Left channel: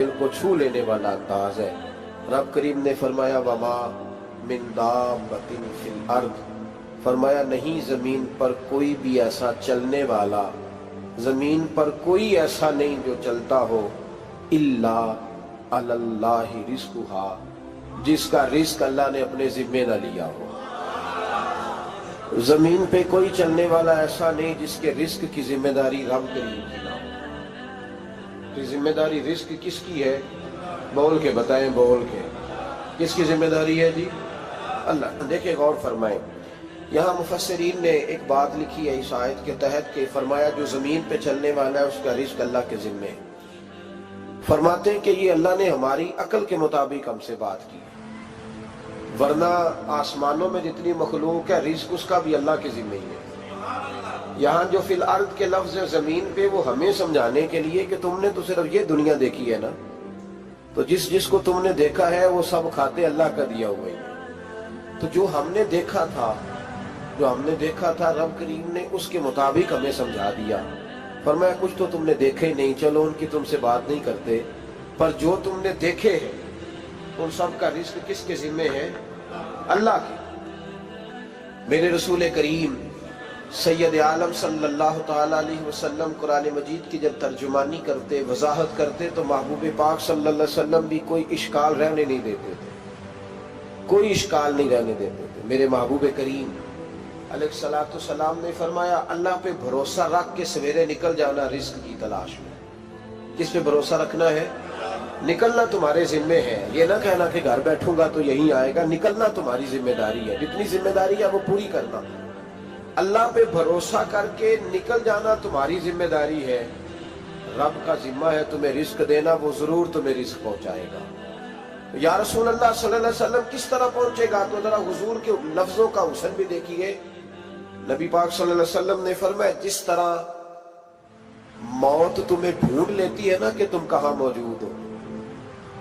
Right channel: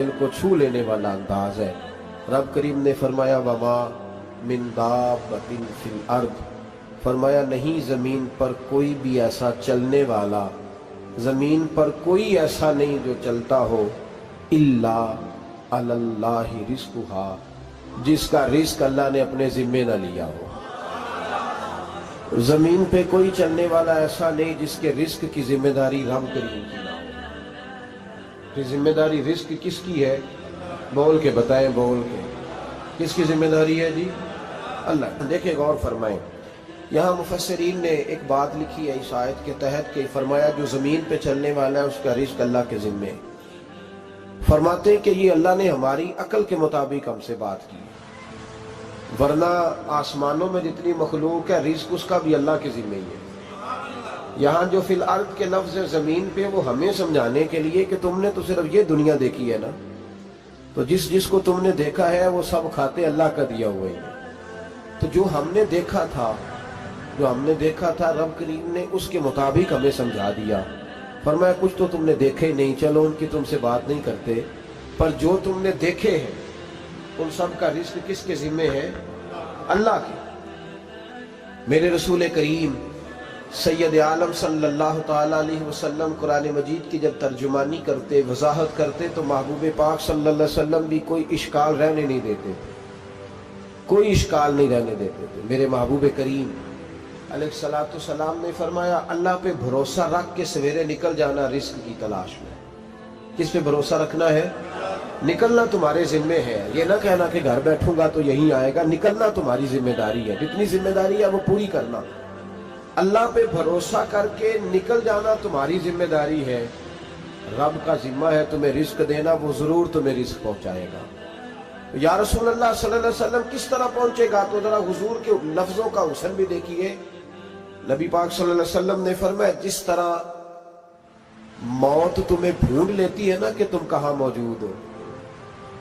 दिल को छू लेने वाला अंदाज है। रब करीम ने फरमाया वमा मिन दाब्बतिन फिल अर्द, फरमाया नहीं जमीन पर कोई भी ऐसा चलने वाला, जमीन पर कोई ऐसा नहीं जो चलता हो, इल्ला अलल्लाहि रिज़्कुहा, जिसका रिस्क अल्लाह ने अपने जिम्मे न लिया हो। जमीन पे कोई चलने वाला ऐसा नहीं जिसके रिस्क की जिम्मेदारी रब करीम की ना हो। ये जिम्मेदारी रिस्क किसकी है? बोल के बताएं, बोल के किसकी जिम्मेदारी है जी? अल्लाह। देखिए गौर फरमाएं, यहाँ मुफस्सिरीन ने एक बात लिखी है इस आयत के तहत कि फरमाया जो जमीन पे चलने वाला है उसका रिस्क अल्लाह के जिम्मे। फरमाते हैं कि ये अल्लाह ने हमारी अकल के मुताबिक हमसे बात की, वरना आसमानों में जितनी मखलूक है रिस्क उसका भी अल्लाह के जिम्मे ही है। यहाँ जो फिल अर्द के लफ्ज है जमीन पे, वो हमें समझाने के लिए कि तुमने तो सिर्फ ये दुनिया देखी है ना, तो जिसको तुमने देखा है वो सब खाते अल्लाह का दिया हुआ ही है। तो जो हमने देखा था रब करीम ने उसके मुताबिक हमें समझा दिया। फरमाया कुछ तो तुमने देखे ही नहीं, चलो उनकी तुमसे बात नहीं करते, पर जो तुमने देखे हैं उन सब का रिस्क किसके जिम्मे है? अल्लाह के। मेरे रसूल करीम सैयद आलम सल्लल्लाहु ताला अलैहि वसल्लम कुरान मजीद की जब तर्जुमानी करते, वजाहत करते, तो महबूब पाक सल्लल्लाहु अलैहि वसल्लम भी कोई इश्काल रहने नहीं देते थे, कोई इश्काल नहीं रहने देते थे। मेरे महबूब करीम अलैहिस्सलातु सलाम ने फरमाया अल्लाह पे भरोसा रख के सवेरे निकल जाना रिस्क की तलाश में। किस पे भरोसा रखना है? निकलना तुम्हारे जिम्मे है। ये ना कहना कि घर बैठूंगा तो यही आएगा, निकलना तुम्हारी जिम्मेदारी है। जितनी जिम्मेदारी है वो पूरी करना। अल्लाह पे भरोसा करके निकल जाना तुम्हारी जिम्मेदारी है। रब का जिम्मा है तुम्हें रिस्क देना, वो जरूर तुम्हें रिस्क पहुंचाएगा। या रसूल अल्लाह सल्लल्लाहु अलैहि वसल्लम किस तरह पहुंचेगा? तो जरा हुजूर के लफ्जों का हुस्न भी देखिए। नबी पाक सल्लल्लाहु अलैहि वसल्लम ने फरमाया जिस तरह मौत तुम्हें ढूंढ लेती है ना कि तुम कहां मौजूद हो,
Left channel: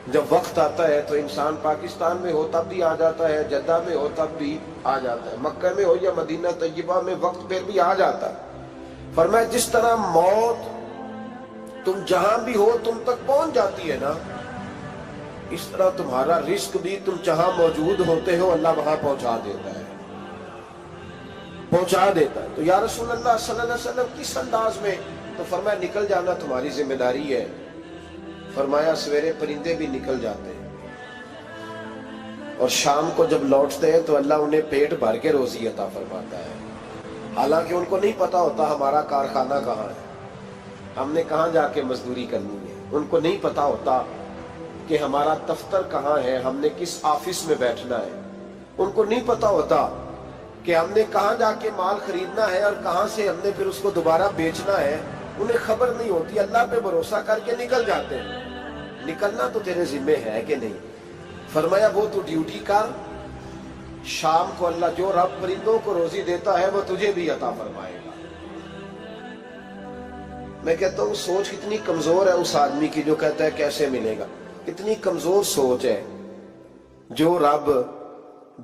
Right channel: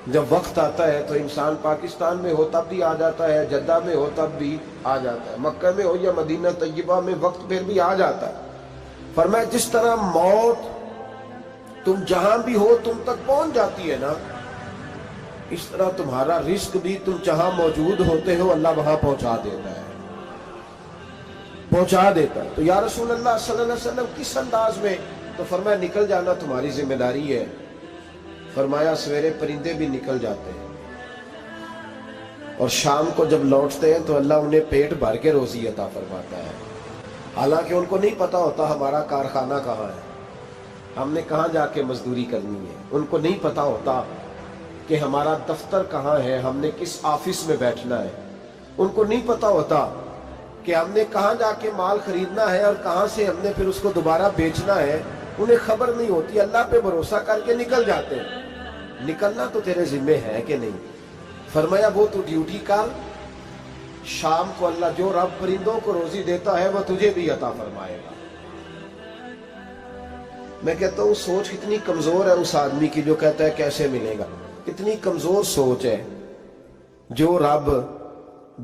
जब वक्त आता है तो इंसान पाकिस्तान में हो तब भी आ जाता है, जद्दा में हो तब भी आ जाता है, मक्का में हो या मदीना तैयबा में वक्त फिर भी आ जाता है। फरमाया जिस तरह मौत तुम जहां भी हो तुम तक पहुंच जाती है ना, इस तरह तुम्हारा रिस्क भी तुम जहां मौजूद होते हो अल्लाह वहां पहुंचा देता है, पहुंचा देता है। तो या रसूल अल्लाह सल्लल्लाहु अलैहि वसल्लम किस अंदाज में? तो फरमाया निकल जाना तुम्हारी जिम्मेदारी है। फरमाया सवेरे परिंदे भी निकल जाते हैं और शाम को जब लौटते हैं तो अल्लाह उन्हें पेट भर के रोजी अता फरमाता है। हालांकि उनको नहीं पता होता हमारा कारखाना कहाँ है, हमने कहाँ जाके मजदूरी करनी है। उनको नहीं पता होता कि हमारा दफ्तर कहाँ है, हमने किस ऑफिस में बैठना है। उनको नहीं पता होता कि हमने कहाँ जाके माल खरीदना है और कहाँ से हमने फिर उसको दोबारा बेचना है। उन्हें खबर नहीं होती, अल्लाह पे भरोसा करके निकल जाते हैं। निकलना तो तेरे जिम्मे है कि नहीं? फरमाया वो तू ड्यूटी कर, शाम को अल्लाह जो रब परिंदों को रोजी देता है वो तुझे भी अता फरमाएगा। मैं कहता हूं सोच कितनी कमजोर है उस आदमी की जो कहता है कैसे मिलेगा। कितनी कमजोर सोच है। जो रब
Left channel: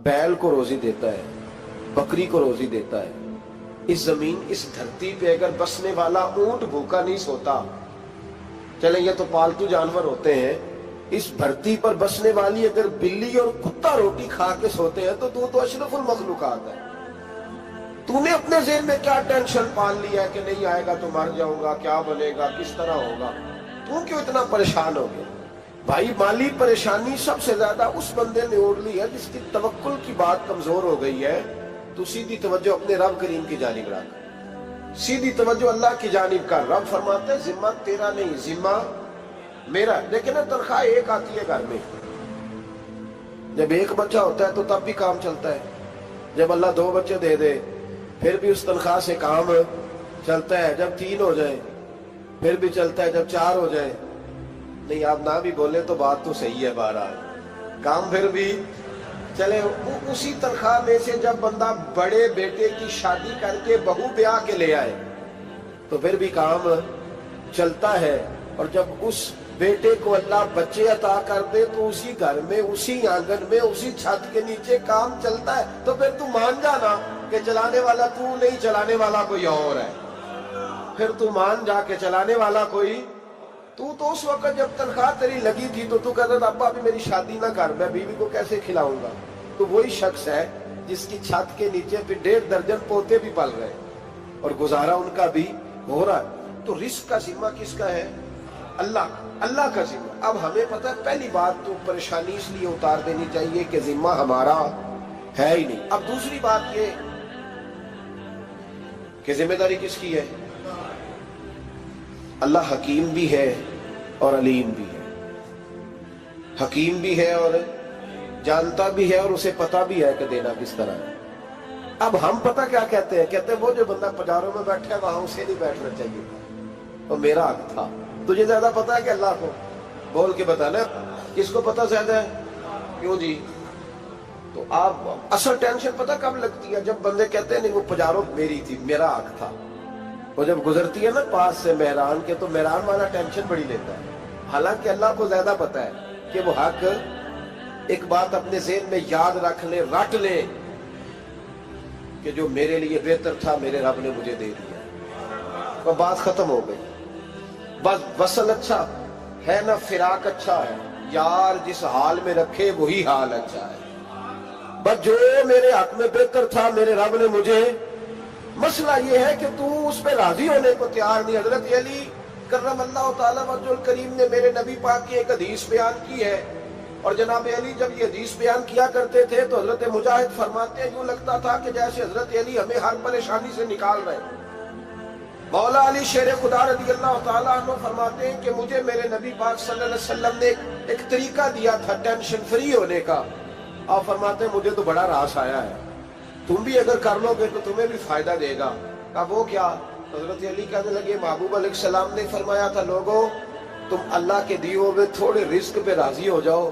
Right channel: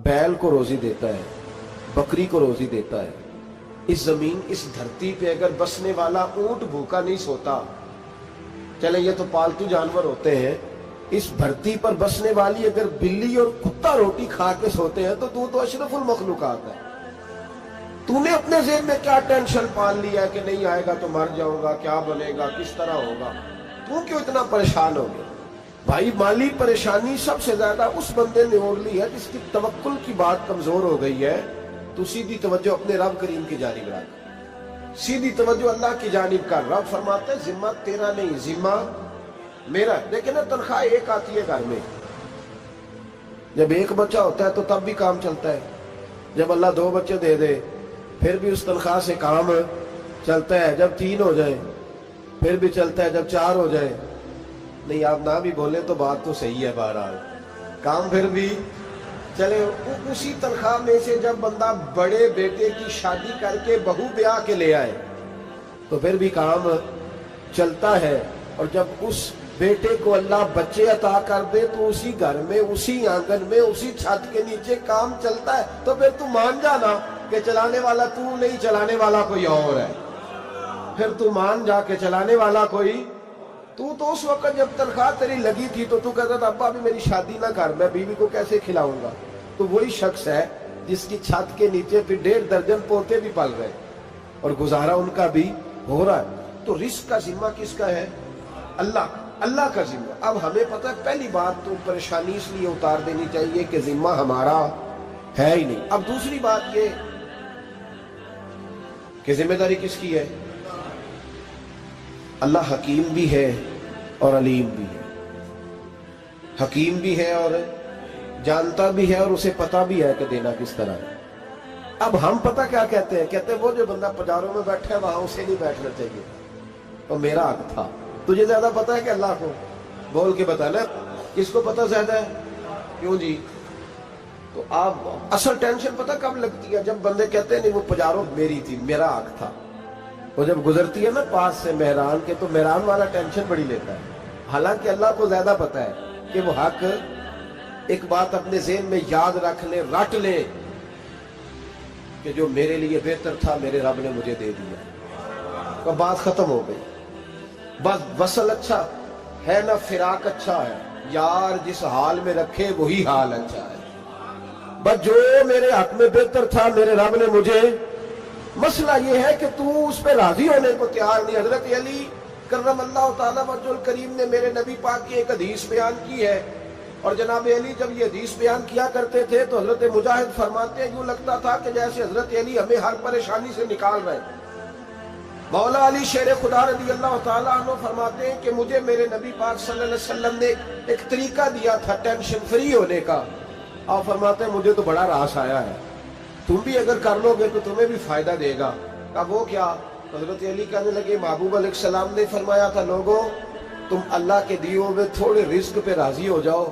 बैल को रोजी देता है, बकरी को रोजी देता है, इस जमीन इस धरती पे अगर बसने वाला ऊंट भूखा नहीं सोता, चले ये तो पालतू जानवर होते हैं, इस धरती पर बसने वाली अगर बिल्ली और कुत्ता रोटी खा के सोते हैं तो तू तो अशरफुल मखलूकात है। तूने अपने ज़हन में क्या टेंशन पाल लिया है कि नहीं आएगा तो मर जाऊंगा, क्या बनेगा, किस तरह होगा? तू क्यों इतना परेशान हो गया? भाई माली परेशानी सबसे ज्यादा उस बंदे ने ओढ़ ली है जिसकी तवक्कुल की बात कमजोर हो गई है। तू सीधी तवज्जो अपने रब करीम की जानिब रख, सीधी तवज्जो अल्लाह की जानिब कर। रब फरमाते हैं जिम्मा तेरा नहीं, जिम्मा मेरा। देखिए ना तनख्वाह एक आती है घर में, जब एक बच्चा होता है तो तब भी काम चलता है, जब अल्लाह दो बच्चे दे दे फिर भी उस तनख्वाह से काम चलता है, जब तीन हो जाए फिर भी चलता है, जब चार हो जाए। नहीं आप ना भी बोले तो बात तो सही है, बहरहाल काम फिर भी चले। उसी तनख्वाह में से जब बंदा बड़े बेटे की शादी करके बहू ब्याह के ले आए तो फिर भी काम चलता है। और जब उस बेटे को अल्लाह बच्चे अता कर दे तो उसी घर में, उसी आंगन में, उसी छत के नीचे काम चलता है। तो फिर तू मान जाना कि चलाने वाला तू नहीं, चलाने वाला कोई और है। फिर तू मान जा के चलाने वाला कोई تو اس وقت جب تنخواہ تیری لگی تھی تو کہتا تھا ابا ابھی میری شادی نہ کر، میں بیوی کو کیسے کھلاؤں گا؟ تو وہی شخص ہے جس کی چھت کے نیچے پھر 1.5 درجن پوتے بھی پل رہے اور گزارا ان کا بھی ہو رہا ہے۔ تو رزق کا ذمہ کس کا ہے؟ اللہ کا ذمہ۔ اب ہمیں پتہ ہے پہلی بات تو پریشانی اس لیے اتار دینی چاہیے کہ ذمہ ہمارا ہے ہی نہیں۔ اب دوسری بات یہ کہ ذمہ داری کس کی ہے؟ اللہ حکیم بھی ہے اور علیم بھی ہے، حکیم بھی ہے اور جانتا بھی ہے اور اسے پتا بھی ہے کہ دینا کس طرح ہے۔ اب ہم پتہ کیا کہتے ہیں؟ کہتے ہیں وہ جو بندہ پجاروں میں بیٹھا ہے وہاں اسے نہیں بیٹھنا چاہیے، تو میرا حق تھا۔ تجھے زیادہ پتا ہے کہ اللہ کو؟ بول کے بتانا کس کو پتہ زیادہ ہے؟ کیوں جی؟ تو آپ اصل ٹینشن پتہ کب لگتی ہے؟ جب بندے کہتے ہیں نہیں وہ پجاروں میری تھی، میرا حق تھا۔ وہ جب گزرتی ہے نا پاس سے مہران کے تو مہران والا ٹینشن بڑی لیتا ہے، حالانکہ اللہ کو زیادہ پتا ہے کہ وہ حق۔ ایک بات اپنے ذہن میں یاد رکھ لیں، رٹ لیں کہ جو میرے لیے بہتر تھا میرے رب نے مجھے دے دیا، تو بات ختم ہو گئی۔ بس وصل اچھا ہے نہ فراق اچھا ہے، یار جس حال میں رکھے وہی حال اچھا ہے۔ بس جو میرے حق میں بہتر تھا میرے رب نے مجھے، مسئلہ یہ ہے کہ تو اس پہ راضی ہونے کو تیار نہیں۔ حضرت علی کرم اللہ تعالیٰ وجہ الکریم نے میرے نبی پاک کی ایک حدیث بیان کی ہے، اور جناب علی جب یہ حدیث بیان کیا کرتے تھے تو حضرت مجاہد فرماتے ہیں یوں لگتا تھا کہ جیسے حضرت علی ہمیں ہر پریشانی سے نکال رہے ہیں۔ مولا علی شیر خدا رضی اللہ تعالیٰ عنہ فرماتے ہیں کہ مجھے میرے نبی پاک صلی اللہ علیہ وسلم نے ایک طریقہ دیا تھا ٹینشن فری ہونے کا۔ آپ فرماتے ہیں مجھے تو بڑا راس آیا ہے، تم بھی اگر کر لو گے تو تمہیں بھی فائدہ دے گا۔ کہا وہ کیا؟ حضرت علی کہنے لگے محبوب علیہ السلام نے فرمایا تھا لوگوں تم اللہ کے دیے ہوئے تھوڑے رزق پہ راضی ہو جاؤ،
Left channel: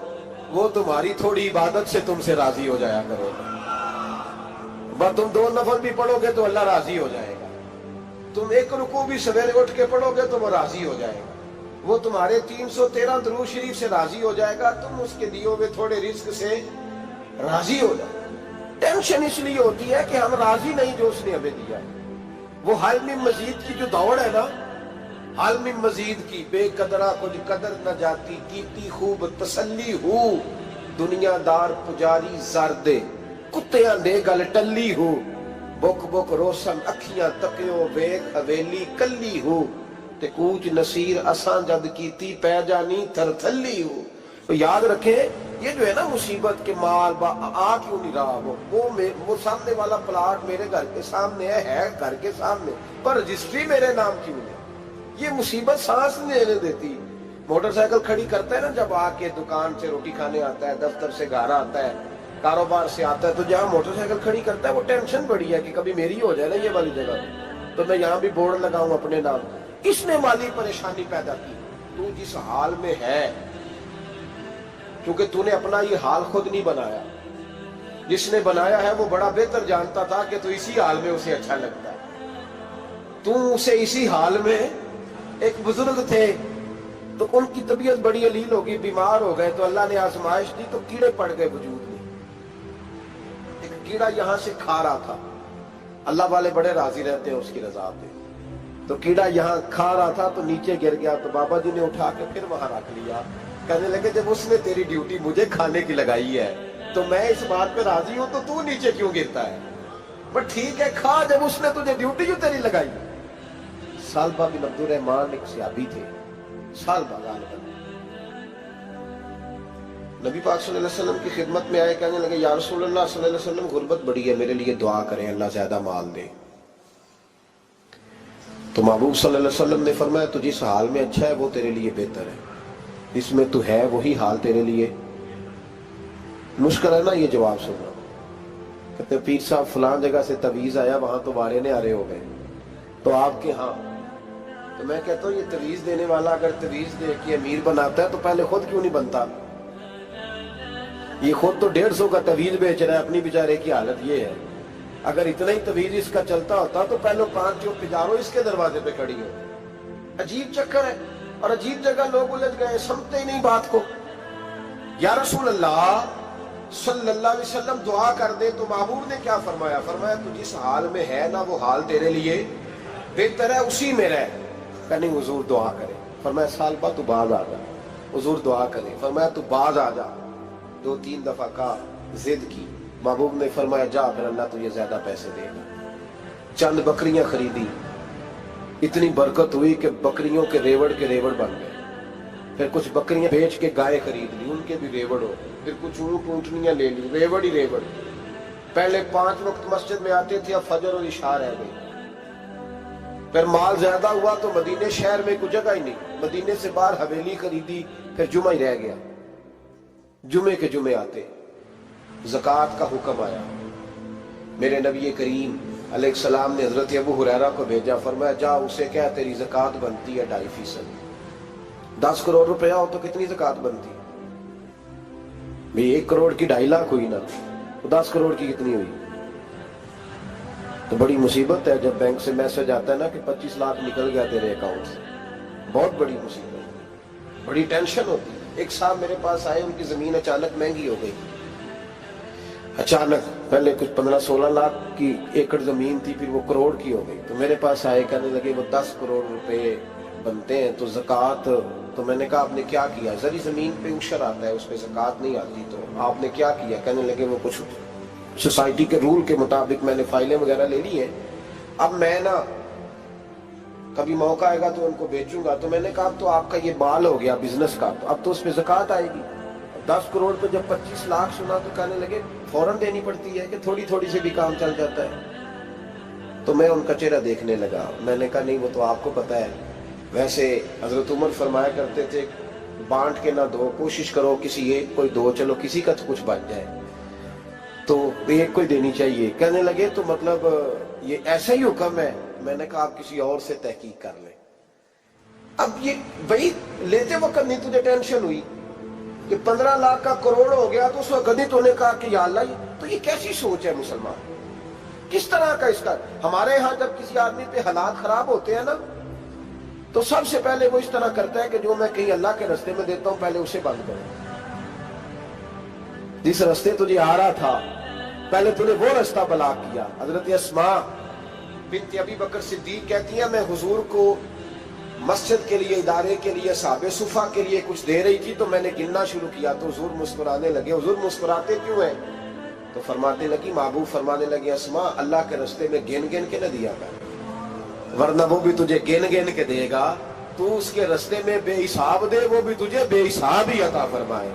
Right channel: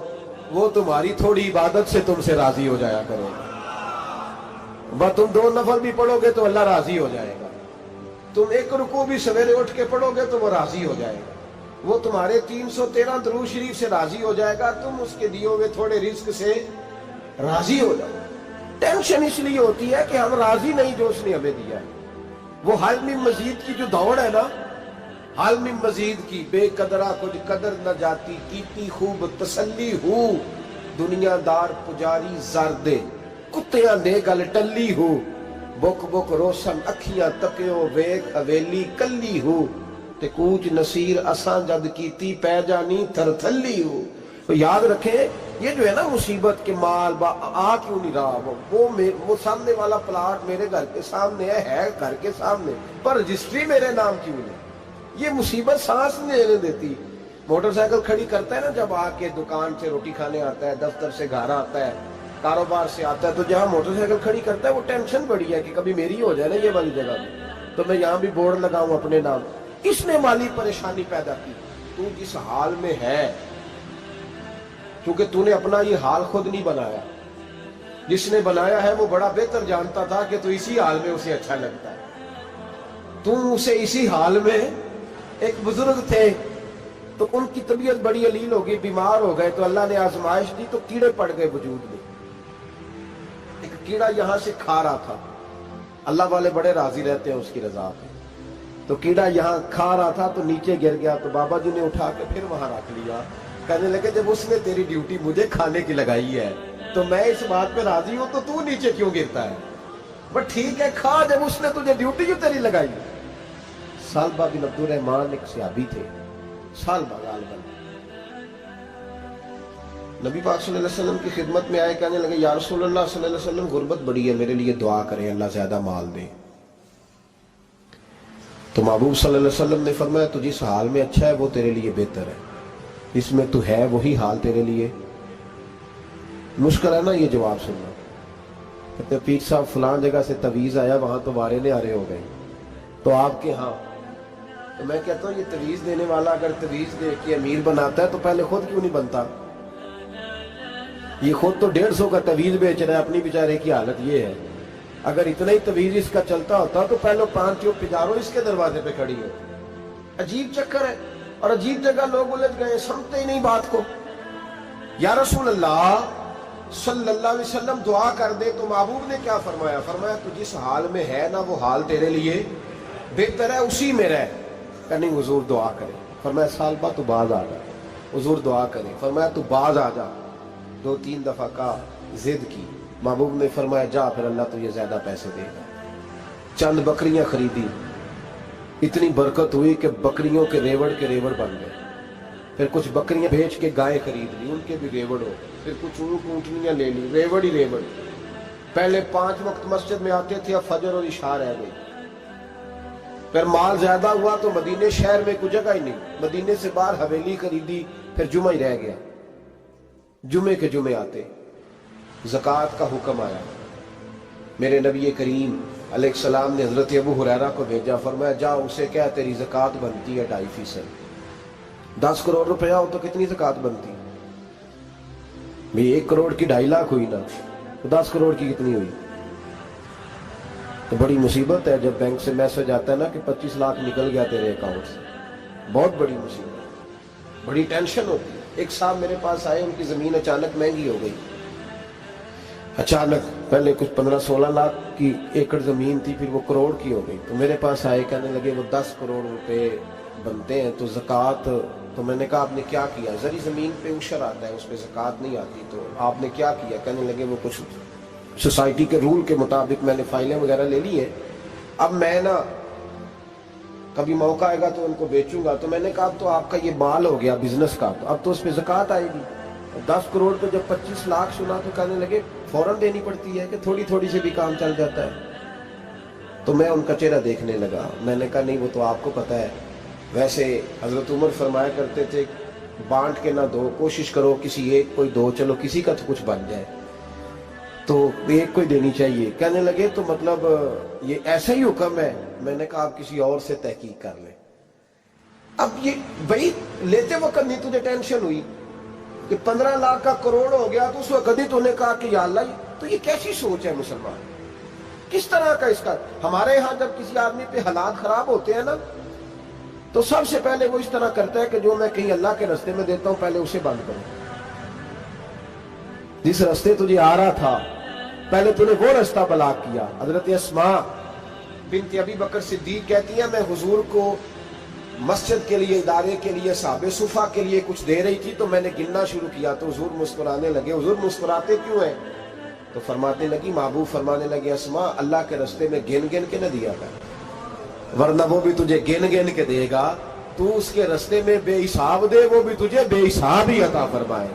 وہ تمہاری تھوڑی عبادت سے تم سے راضی ہو جایا کرو گا۔ بس تم 2 نفل بھی پڑھو گے تو اللہ راضی ہو جائے گا، تم 1 رکوع بھی سویرے اٹھ کے پڑھو گے تو وہ راضی ہو جائے گا، وہ تمہارے 313 درود شریف سے راضی ہو جائے گا، تم اس کے دیے ہوئے تھوڑے رزق سے راضی ہو جاؤ۔ ٹینشن اس لیے ہوتی ہے کہ ہم راضی نہیں جو اس نے ہمیں دیا ہے۔ وہ حل میں مزید کی جو دوڑ ہے نا، حل میں مزید کی، بے قدرہ کچھ قدر نہ جاتی، کیتی خوب تسلی ہو، دنیا دار پجاری زردے، کتیاں دے گل ٹلی ہو، بک بک روشن اکھیاں تکیو ویک حویلی کلی ہو، تے کوچ نصیر اساں جد کیتی پہ جانی تھر تھلی ہو۔ تو یاد رکھیں یہ جو ہے نا مصیبت کے مال آ کیوں نہیں رہا، وہ سامنے والا پلاٹ میرے گھر کے سامنے ہے گھر کے سامنے، پر رجسٹری میرے نام کیوں نہیں؟ یہ مصیبت سانس نہیں لینے دیتی۔ موٹر سائیکل کھڑی کرتا ہے نا جب آ کے دکان سے روٹی کھانے آتا ہے، دفتر سے گھر آتا ہے، کاروبار سے آتا ہے، تو جہاں موٹر سائیکل کھڑی کرتا ہے وہ ٹینشن بڑی ہے کہ کبھی میری ہو جائے نا یہ والی جگہ تو میں یہاں بھی بورڈ لگاؤں اپنے نام۔ اس نے مالی پریشانی پیدا کی۔ تو جس حال میں ہے، کیونکہ تو نے اپنا یہ حال خود نہیں بنایا، جس نے بنایا ہے وہ بڑا بہتر جانتا تھا کہ تو اسی حال میں اسے اچھا لگتا ہے۔ تو اسے اسی حال میں، ایک بزرگ تھے تو ان کی طبیعت بڑی علیل ہو گئی، بیمار ہو گئے، تو اللہ نے آزمائش دی تو کیڑے پڑ گئے وجود میں۔ ایک کیڑا یہاں سے کھا رہا تھا، اللہ والے بڑے راضی رہتے ہیں اس کی رضا پہ، تو کیڑا یہاں کھا رہا تھا تو نیچے گر گیا، تو بابا جی نے اٹھا کے پھر وہاں رکھ لیا۔ کہنے لگے جب اس نے تیری ڈیوٹی مجھے کھانے کی لگائی ہے تو میں اس بات پہ راضی ہوں، تو نیچے کیوں گرتا ہے؟ بٹ ٹھیک ہے کھا، جب اس نے تجھے ڈیوٹی جو تیری لگائی۔ سالبہ بن عبد الرحمان ایک صحابی تھے، سالبہ غالباً نبی پاک صلی اللہ علیہ وسلم کی خدمت میں آئے، کہنے لگے یا رسول اللہ صلی اللہ علیہ وسلم غربت بڑی ہے، میرے لیے دعا کریں اللہ زیادہ مال دے۔ تو محبوب صلی اللہ علیہ وسلم نے فرمایا تو جس حال میں اچھا ہے وہ تیرے لیے بہتر ہے، اس میں تو ہے وہی حال تیرے لیے۔ مشکل ہے نا یہ جواب سننا۔ کہتے پیر صاحب فلان جگہ سے تویز آیا، وہاں تو وارے نے آرے ہو گئے، تو آپ کے ہاں؟ تو میں کہتا ہوں یہ تویز دینے والا اگر تویز دے کے امیر بناتا ہے تو پہلے خود کیوں نہیں بنتا؟ یہ خود تو 150 کا تویز بیچ رہا ہے، اپنی بیچارے کی حالت یہ ہے۔ اگر اتنا ہی تویز اس کا چلتا ہوتا تو پہلے 5 پجاروں اس کے دروازے پہ کھڑی ہو۔ عجیب چکر ہے اور عجیب جگہ لوگ الجھ گئے، سمجھتے ہی نہیں بات کو۔ یا رسول اللہ صلی اللہ علیہ وسلم دعا کر دے، تو محبوب نے کیا فرمایا؟ فرمایا تو جس حال میں ہے نا وہ حال تیرے لیے بہتر ہے، اسی میں رہ۔ کہ نہیں حضور دعا کرے، فرمایا सालबा तू बाज आ जा, हुजूर दुआ करें, फरमाया तू बाज आ जा। 2-3 दफा का जिद की, महबूब ने फरमाया जा फिर अल्लाह तुझे ज्यादा पैसे देगा। चंद बकरियां खरीदी, इतनी बरकत हुई कि बकरियों के रेवड़ बन गए। फिर कुछ बकरियां बेच के गाय खरीद ली, उनके भी रेवड़ हो। फिर कुछ ऊंट ऊंटनियां ले ली, रेवड़ ही रेवड़। पहले 5 वक्त मस्जिद में आते थे, अब फजर और इशा रह गई। फिर माल ज्यादा हुआ तो मदीने शहर में कोई जगह ही नहीं, मदीने से बाहर हवेली खरीदी, फिर जुमा ही रह गया। जुमे के जुमे आते, ज़कात का हुक्म आया। मेरे नबी करीम अलैहिस्सलाम ने हजरत अबू हुरैरा को भेजा, फरमाया जा उसे क्या तेरी ज़कात बनती है 2.5%। 10 करोड़ रुपया हो तो कितनी ज़कात बनती? भाई 1 करोड़ की 2.5 लाख हुई ना, तो 10 करोड़ की कितनी हुई? तो बड़ी मुसीबत है जब बैंक से मैसेज आता है ना कि 25 लाख निकल गया तेरे अकाउंट से। बहुत बड़ी मुसीबत, बड़ी टेंशन होती है। एक साहब मेरे पास आए, उनकी जमीन अचानक महंगी हो गई। अचानक पहले कुछ 15-16 लाख की एकड़ जमीन थी, फिर वो करोड़ की हो गई। तो मेरे पास आए, कहने लगे वो 10 करोड़ रुपए बनते हैं तो ज़कात। तो मैंने कहा आपने क्या किया? जरी जमीन पे उशर आता है, उस पर ज़कात नहीं आती, तो आपने क्या किया? कहने लगे वो कुछ सोसाइटी के रूल के मुताबिक मैंने फाइलें वगैरह ले ली है, अब मैं ना कभी मौका आएगा तो उनको बेचूंगा। तो मैंने कहा अब तो आपका ये माल हो गया बिजनेस का, तो अब तो उस पर ज़कात आएगी। 10 करोड़ पे जब 25 लाख सुना तो कहने लगे फौरन देनी पड़ती है कि थोड़ी थोड़ी से भी काम चल जाता है। तो मैं उनका चेहरा देखने लगा, मैंने कहा नहीं वो तो आपको पता है, वैसे हजरत उमर फरमाया करते थे बांट के ना दो, कोशिश करो किसी एक को दो, चलो किसी का तो कुछ बन जाए, तो एक को ही देनी चाहिए। कहने लगे तो मतलब ये ऐसा ही हुक्म है? मैंने कहा आप किसी और से तहकीक कर लें। अब ये भाई लेते वक्त नहीं तुझे टेंशन हुई कि 15 लाख का करोड़ हो गया, तो उस वक्त ही तूने कहा कि या अल्लाह, तो ये कैसी सोच है मुसलमान? किस तरह का इसका? हमारे यहां जब किसी आदमी पे हालात खराब होते हैं ना, तो सबसे पहले वो इस तरह करता है कि जो मैं कहीं अल्लाह के रास्ते में देता हूं पहले उसे बंद करो। जिस रास्ते तुझे आ रहा था पहले तूने वो रास्ता ब्लॉक किया। हजरत अस्मा बिन्त अबी बकर सिद्दीक कहती है मैं हुजूर को मस्जिद के लिए, इदारे के लिए, साहबे सुफा के लिए कुछ दे रही थी, तो मैंने गिनना शुरू किया तो हुजूर मुस्कुराने लगे। हुजूर मुस्कुराते क्यों है? तो फरमाते लगी, महबूब फरमाने लगे अस्मा अल्लाह के रास्ते में गिन गिन के न दिया कर, वरना वो भी तुझे गिन गिन के देगा। तू उसके रास्ते में बेहिसाब दे, वो भी तुझे बेहिसाब ही अता फरमाए।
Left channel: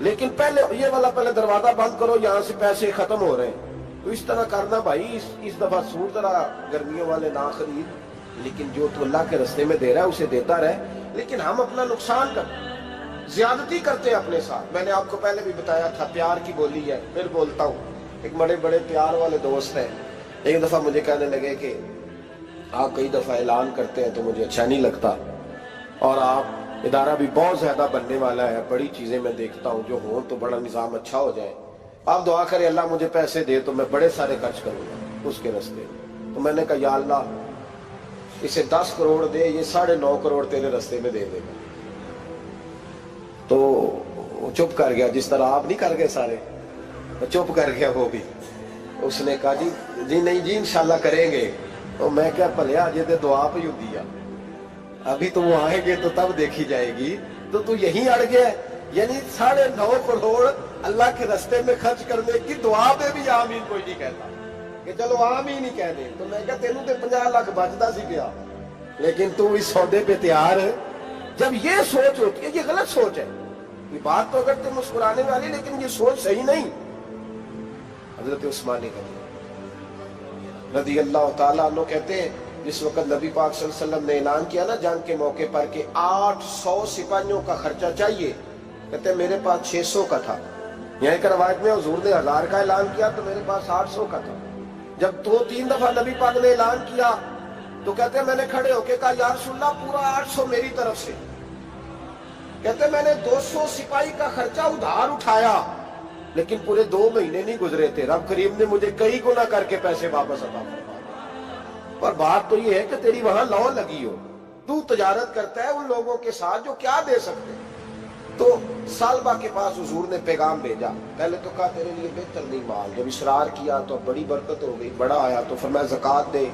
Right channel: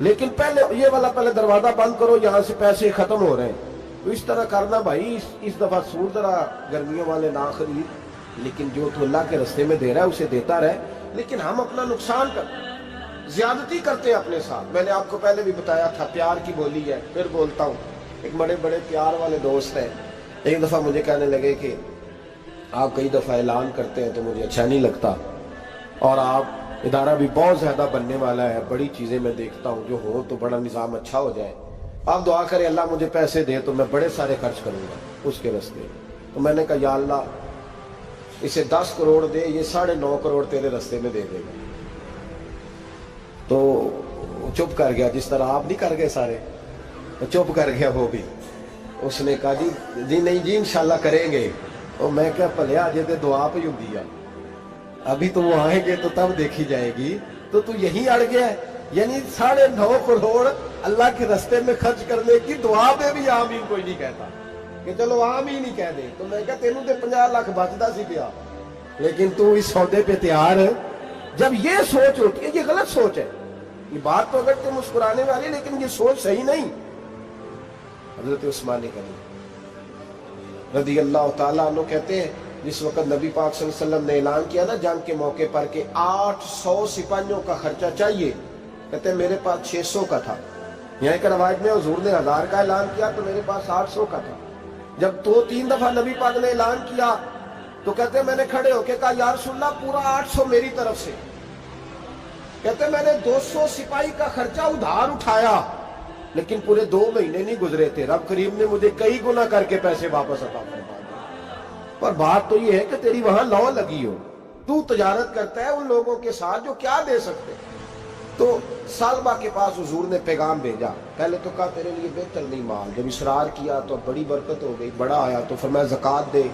लेकिन पहले ये वाला पहले दरवाजा बंद करो, यहां से पैसे खत्म हो रहे हैं। तो इस तरह करना भाई। इस दफा सूट जरा गर्मियों वाले ना खरीद, लेकिन जो तो अल्लाह के रास्ते में दे रहा है उसे देता रहे। लेकिन हम अपना नुकसान करते हैं, ज्यादती करते हैं अपने साथ। मैंने आपको पहले भी बताया था प्यार की बोली है, फिर बोलता हूं। एक बड़े बड़े प्यार वाले दोस्त हैं, एक दफा मुझे कहने लगे कि आप कई दफा ऐलान करते हैं तो मुझे अच्छा नहीं लगता, और आप इदारा भी बहुत ज्यादा बनने वाला है, बड़ी चीजें मैं देखता हूं जो हो तो बड़ा निजाम अच्छा हो जाए, आप दुआ करें अल्लाह मुझे पैसे दे तो मैं बड़े सारे खर्च करूंगा उसके रास्ते। तो मैंने कहा या अल्लाह इसे 10 करोड़ दे, ये 9.5 करोड़ तेरे रास्ते में दे देगा। तो चुप कर गया, जिस तरह आप नहीं कर गए सारे, तो चुप कर गया वो भी। उसने कहा जी नहीं जी इंशाल्लाह करेंगे। तो मैं क्या भलिया अजे तो दुआ पई हुंदी आ, अभी तो वो आएंगे तो तब देखी जाएगी। तो तू यही अड़ गया, यानी 9.5 करोड़ अल्लाह के रास्ते में खर्च करने की दुआ पे भी आमीन कोई नहीं कहता कि चलो आमीन ही कह दे। तो मैं क्या तेनू तो 50 लाख बचता सी पिया, लेकिन तू इस सौदे पे तैयार है। जब ये सोच होती है, ये गलत सोच है। ये बात तो अगर तुम मुस्कुराने वाली, लेकिन ये सोच सही नहीं। हजरत उस्मान गनी रज़ी अल्लाह ताला अन्हु कहते हैं जिस वक्त नबी पाक सल्लल्लाहु अलैहि वसल्लम ने ऐलान किया ना जंग के मौके पर कि 800 सिपाहियों का खर्चा चाहिए, कहते मेरे पास 600 का था। यहाँ एक रवायत में हुजूर ने 1000 का ऐलान किया तो मेरे पास 800 का था। जब 2-3 दफा नबी पाक ने ऐलान किया तो कहते मैंने खड़े होके कहा या रसूलल्लाह पूरा 800 मेरी तरफ से। कहते मैंने 200 सिपाही का खर्चा उधार उठाया, लेकिन पूरे 2 महीने नहीं गुजरे थे, रब करीम ने मुझे कई गुना करके पैसे वापस अता फरमा दिए। पर बात तो ये है कि तेरी वहां लौ लगी हो, तू तजारत करता है उन लोगों के साथ जो क्या दे सकते। तो सालबा के पास हुजूर ने पैगाम भेजा, पहले तो कहा तेरे लिए बेहतर नहीं माल, जब इसरार किया तो बड़ी बरकत हो गई, बड़ा आया तो फरमाया ज़कात दे,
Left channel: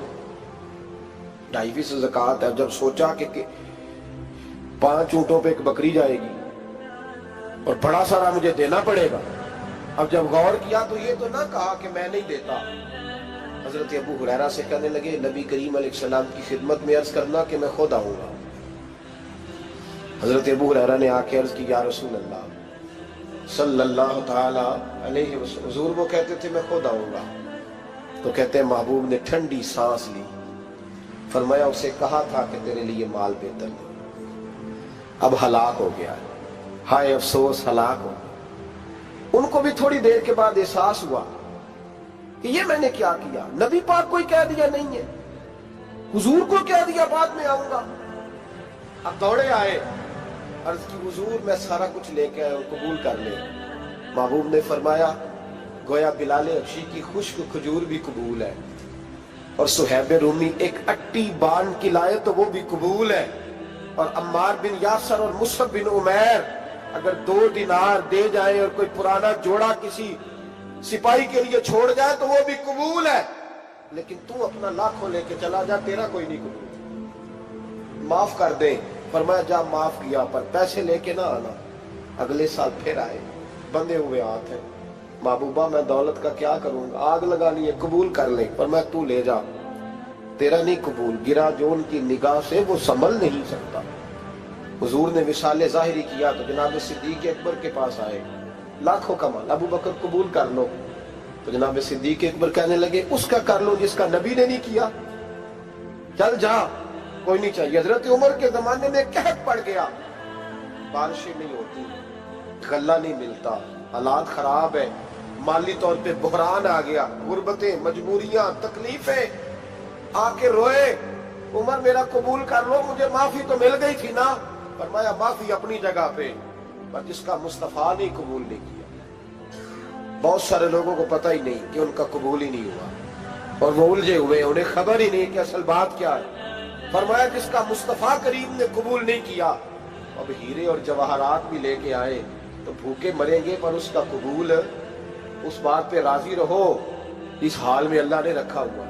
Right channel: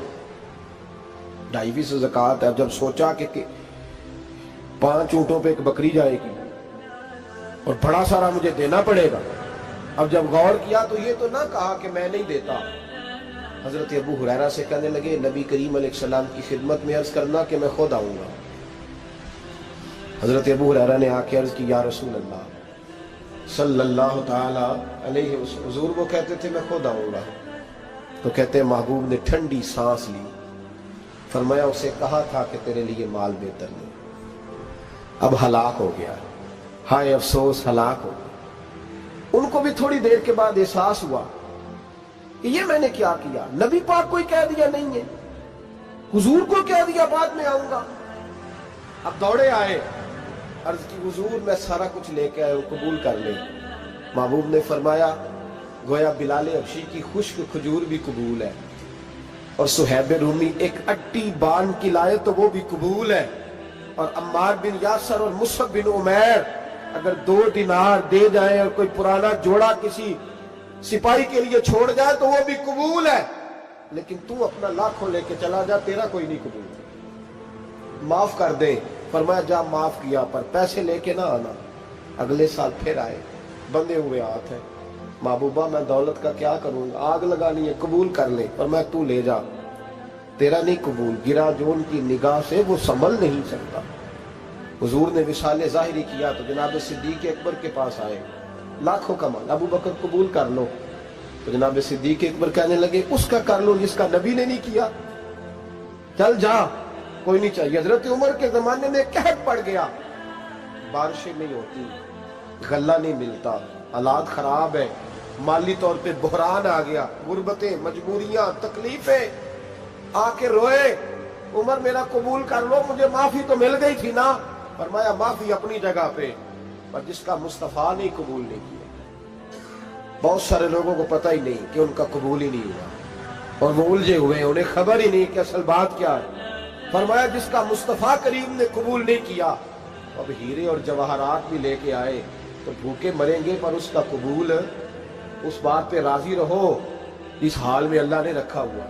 2.5% ज़कात है। अब जब सोचा कि 5 ऊंटों पे एक बकरी जाएगी और बड़ा सारा मुझे देना पड़ेगा। अब जब गौर किया तो ये तो ना कहा कि मैं नहीं देता। हजरत अबू हुरैरा से कहने लगे, नबी करीम अलैहिस्सलाम की खिदमत में अर्ज करना कि मैं खुद आऊंगा। हजरत अबू हुरैरा ने आके अर्ज की, या रसूल अल्लाह सल्लल्लाहु ताला अलैहि वसल्लम, हुजूर वो कहते थे मैं खुद आऊंगा। तो कहते महबूब ने ठंडी सांस ली, फरमाया उसे कहा था कि तेरे लिए माल बेहतर नहीं, अब हलाक हो गया है, हाय अफसोस हलाक हो गया। उनको भी थोड़ी देर के बाद एहसास हुआ कि ये मैंने क्या किया, नबी पाक को ही कह दिया नहीं है, हुजूर को कह दिया बाद में आऊंगा। अब दौड़े आए, अर्ज की हुजूर मैं सारा कुछ लेके आया हूं, कबूल कर ले। महबूब ने फरमाया गोया बिलाल हबशी की खुश्क खजूर भी कबूल है, और सुहैब रूमी एक अट्टी बान की लाए तो वो भी कबूल है, और अम्मार बिन यासर और मुसअब बिन उमैर अगर 2 दिनार दे जाए और कोई पुराना जोड़ा किसी सिपाही के लिए छोड़ जाए तो वो भी कबूल है, लेकिन तू अपना लाखों लेके चला जा, तेरा कोई नहीं कबूल। माफ कर दे। फरमाया जा माफ किया, पर पैसे लेके ना आना। अगले साल फिर आए, बंधे हुए हाथ हैं। महबूबा मैं दौलत का क्या करूंगा, आग लगानी है, कबूल कर ले। पर मैं तू ले जा, तेरा नहीं कबूल। गिरा जो उनकी निगाह से वो संभल नहीं सकता। हुजूर ने विसाले जाहिरी किया तो जनाब सिद्दीक अकबर के पास आए, लाखों का माल, अबू बकर कबूल कर लो। तो जनाब सिद्दीक अकबर कहने लगे उसका कर लो जिसका नबी ने नहीं किया, चल जा, कोई नहीं चाहिए। हजरत उमर के जमाने में कहत पड़ गया, बारिशें नहीं होती, गल्ला नहीं मिलता, हालात खराब है, माली तौर पे बुहरान आ गया, गुर्बतें, मजबूरियां, तकलीफें। आके रोए, उमर मेरा कबूल कर लो, मुझे माफी तो मिल गई थी ना। फरमाया माफी अपनी जगह पे, पर जिसका मुस्तफा ने कबूल नहीं किया। बहुत सारे लोगों को पता ही नहीं कि उनका कबूल ही नहीं हुआ, और वो उलझे हुए, उन्हें खबर ही नहीं कि असल बात क्या है। फरमाया जिसका मुस्तफा करीम ने कबूल नहीं किया, अब हीरे और जवाहरात भी लेके आए तो भूखे मरेंगे, पर उसका कबूल, उस बात पे राजी रहो, इस हाल में अल्लाह ने रखा हुआ,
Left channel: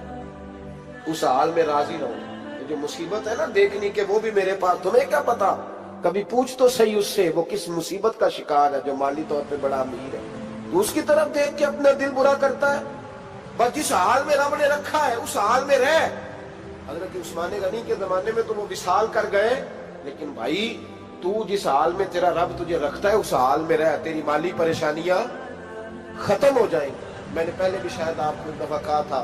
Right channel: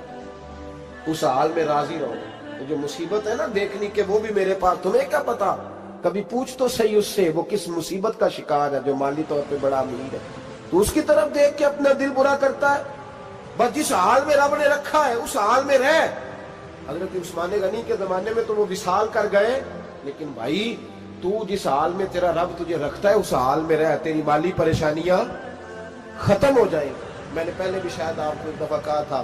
उस हाल में राजी रहो। जो मुसीबत है ना देखनी के, वो भी मेरे पास, तुम्हें क्या पता, कभी पूछ तो सही उससे वो किस मुसीबत का शिकार है, जो माली तौर पे बड़ा अमीर है। तो उसकी तरफ देख के अपना दिल बुरा करता है। बस जिस हाल में रब ने रखा है उस हाल में रह। हजरत उस्मान गनी के जमाने में तो वो विसाल कर गए, लेकिन भाई तू जिस हाल में तेरा रब तुझे रखता है उस हाल में रह, तेरी माली परेशानियां खत्म हो जाएंगी। मैंने पहले भी शायद आपको एक दफा कहा था,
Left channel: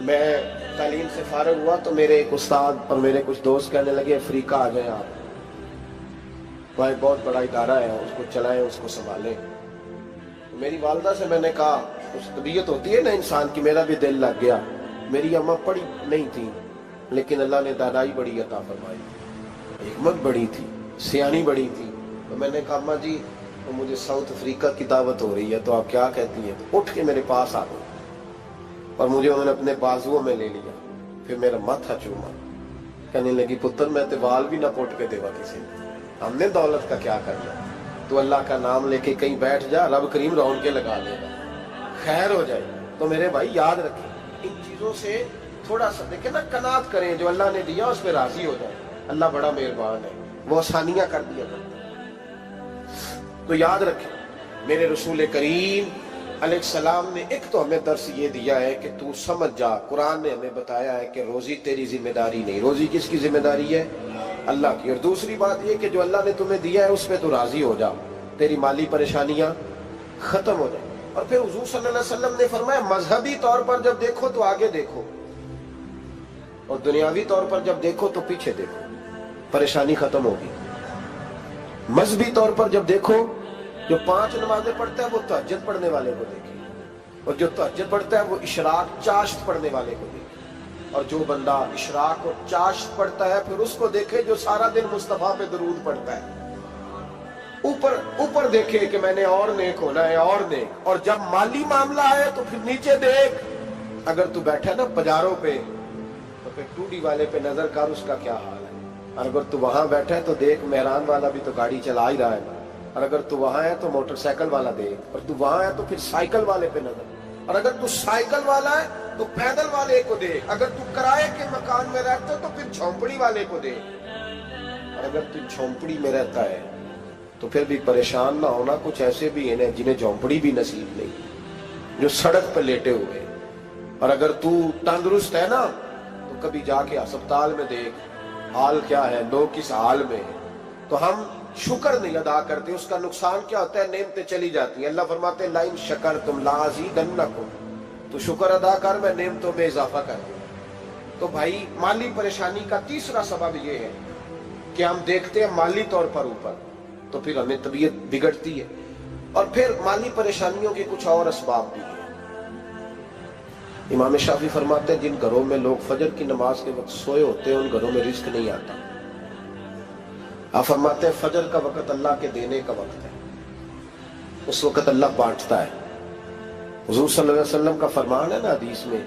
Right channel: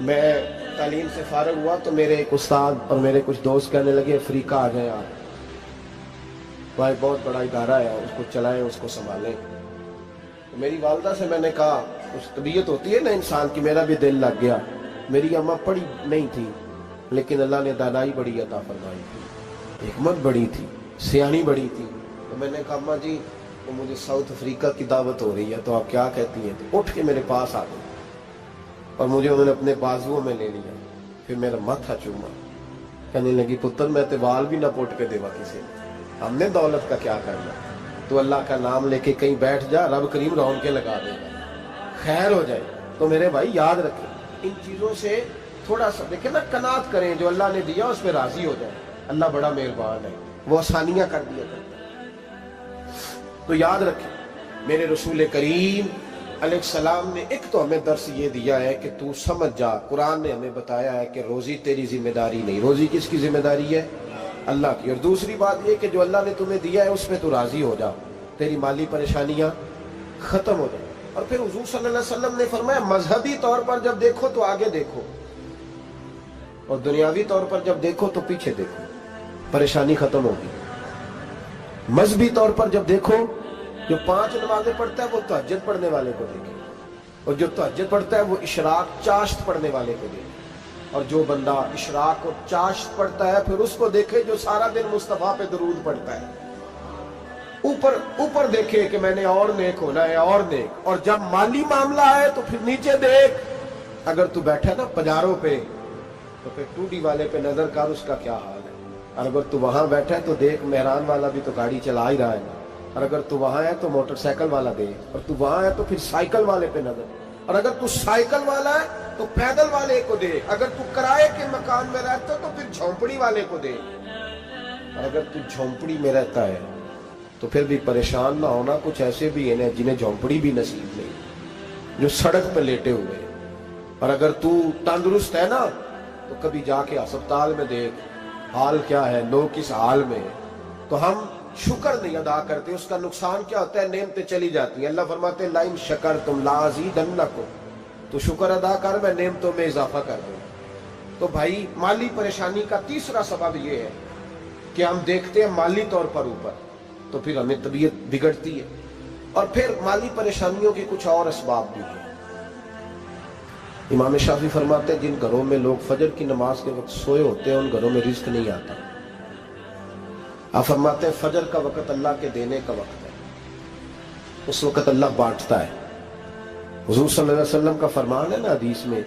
मैं तालीम से फारग हुआ तो मेरे एक उस्ताद और मेरे कुछ दोस्त कहने लगे अफ्रीका आ जाएं आप, भाई बहुत बड़ा इदारा है, उसको चलाएं, उसको संभालें। तो मेरी वालदा से मैंने कहा, उस तबीयत होती है ना इंसान की, मेरा भी दिल लग गया। मेरी अम्मा पढ़ी नहीं थी, लेकिन अल्लाह ने दानाई बड़ी अता फरमाई थी, हिकमत बड़ी थी, सियानी बड़ी थी। तो मैंने कहा अम्मा जी तो मुझे साउथ अफ्रीका की दावत हो रही है, तो आप क्या कहती हैं? तो उठ के मेरे पास आ गए और मुझे उन्होंने अपने बाजुओं में ले लिया, फिर मेरा माथा चूमा। कहने लगी पुत्र मैं तो वाल भी ना पोट के देवा किसी ने, हमने दौलत का क्या करना, तो अल्लाह का नाम लेके कहीं बैठ जा, रब करीम रौन के लगा देगा, खैर हो जाए। तो मेरे भाई याद रखें, इन चीजों से थोड़ा सा देखें ना, कनात करें, जो अल्लाह ने दिया उस पर राजी हो जाए। अल्लाह बड़ा मेहरबान है, वो आसानियां कर दिया करता है। तो याद रखें मेरे रसूल करीम अलैहिस्सलाम ने एक तो हमें दर्स ये दिया है कि तू समझ जा, कुरान ने हमें बताया है कि रोजी तेरी जिम्मेदारी नहीं, रोजी किसकी जिम्मेदारी है? अल्लाह की। और दूसरी बात ये कि जो अल्लाह ने तुम्हें दिया है उस पर तू राजी हो जा, तेरी माली परेशानियां खत्म हो जाए। और फिर हुजूर सल्लल्लाहु अलैहि वसल्लम ने फरमाया मजहबी तौर पर जब देखो तो आगे देखो, और दुनियावी तौर पर जब देखो तो पीछे देखो, परेशानी खत्म होगी। मजहबी तौर पर जब देखो, जो 5 नमाजें पढ़ता है वो तहज्जुद पढ़ने वाले को देखे, और जो तहज्जुद पढ़ता है वो इशराक चाश्त पढ़ने वाले को देखे, और जो बंदा इशराक और चाश्त पढ़ता है फिर उसको देखे जो सारा दिन मुस्तफा पे दरूद पढ़ता है। ऊपर ऊपर देखे कि मैंने और नेक होना है, और नेक। और जब माली मामला है तो फिर नीचे देख, अगर तू बैठा ना पजारों पे तो फिर टूडी वाले पे नजर कर, उसका क्या हाल है। और अगर तू वहां बैठा है तो देख मेहरान वाला भी तो गाड़ी चला ही रहा है ना, और अगर तू वहां है तो मोटरसाइकिल वाला देख, और तू वहां है तो फिर साइकिल वाले पे नजर, और अगर तू साइकिल वाला है तो पैदल वाले को देख, अगर तू किराए के मकान में रहता तो फिर झोंपड़ी वाले को देख। اور اگر تو جھونپڑی میں رہتا ہے تو پھر بھی پریشان نہ ہونا. کچھ ایسے بھی ہیں جنہیں جھونپڑی بھی نصیب نہیں, جو سڑک پہ لیٹے ہوئے. اور اگر تو تندرست ہے نا تو کبھی جا کے اسپتال میں دیکھ حال کیا ہے, لوگ کس حال میں. تو ہم شکر نہیں ادا کرتے, اس کا نقصان کیا ہوتا ہے, نعمتیں چلی جاتی ہیں. اللہ فرماتے ہیں لئن شکرتم لازیدنکم, تو شکر ادا کر میں نعمتوں میں اضافہ کر دوں. تو بھائی مالی پریشانی کا تیسرا سبب یہ ہے کہ ہم دیکھتے ہیں مالی طور پر اوپر, تو پھر ہمیں طبیعت بگڑتی ہے. اور پھر مالی پریشانیوں کے کچھ اور اسباب بھی ہیں. امام شافعی فرماتے ہیں جن گھروں میں لوگ فجر کی نماز کے وقت سوئے ہوتے ہیں ان گھروں میں رزق نہیں آتا. آپ فرماتے ہیں فجر کا وقت اللہ کے دینے کا وقت ہے, اس وقت اللہ بانٹتا ہے. حضور صلی اللہ علیہ وسلم کا فرمان ہے نا حدیث میں,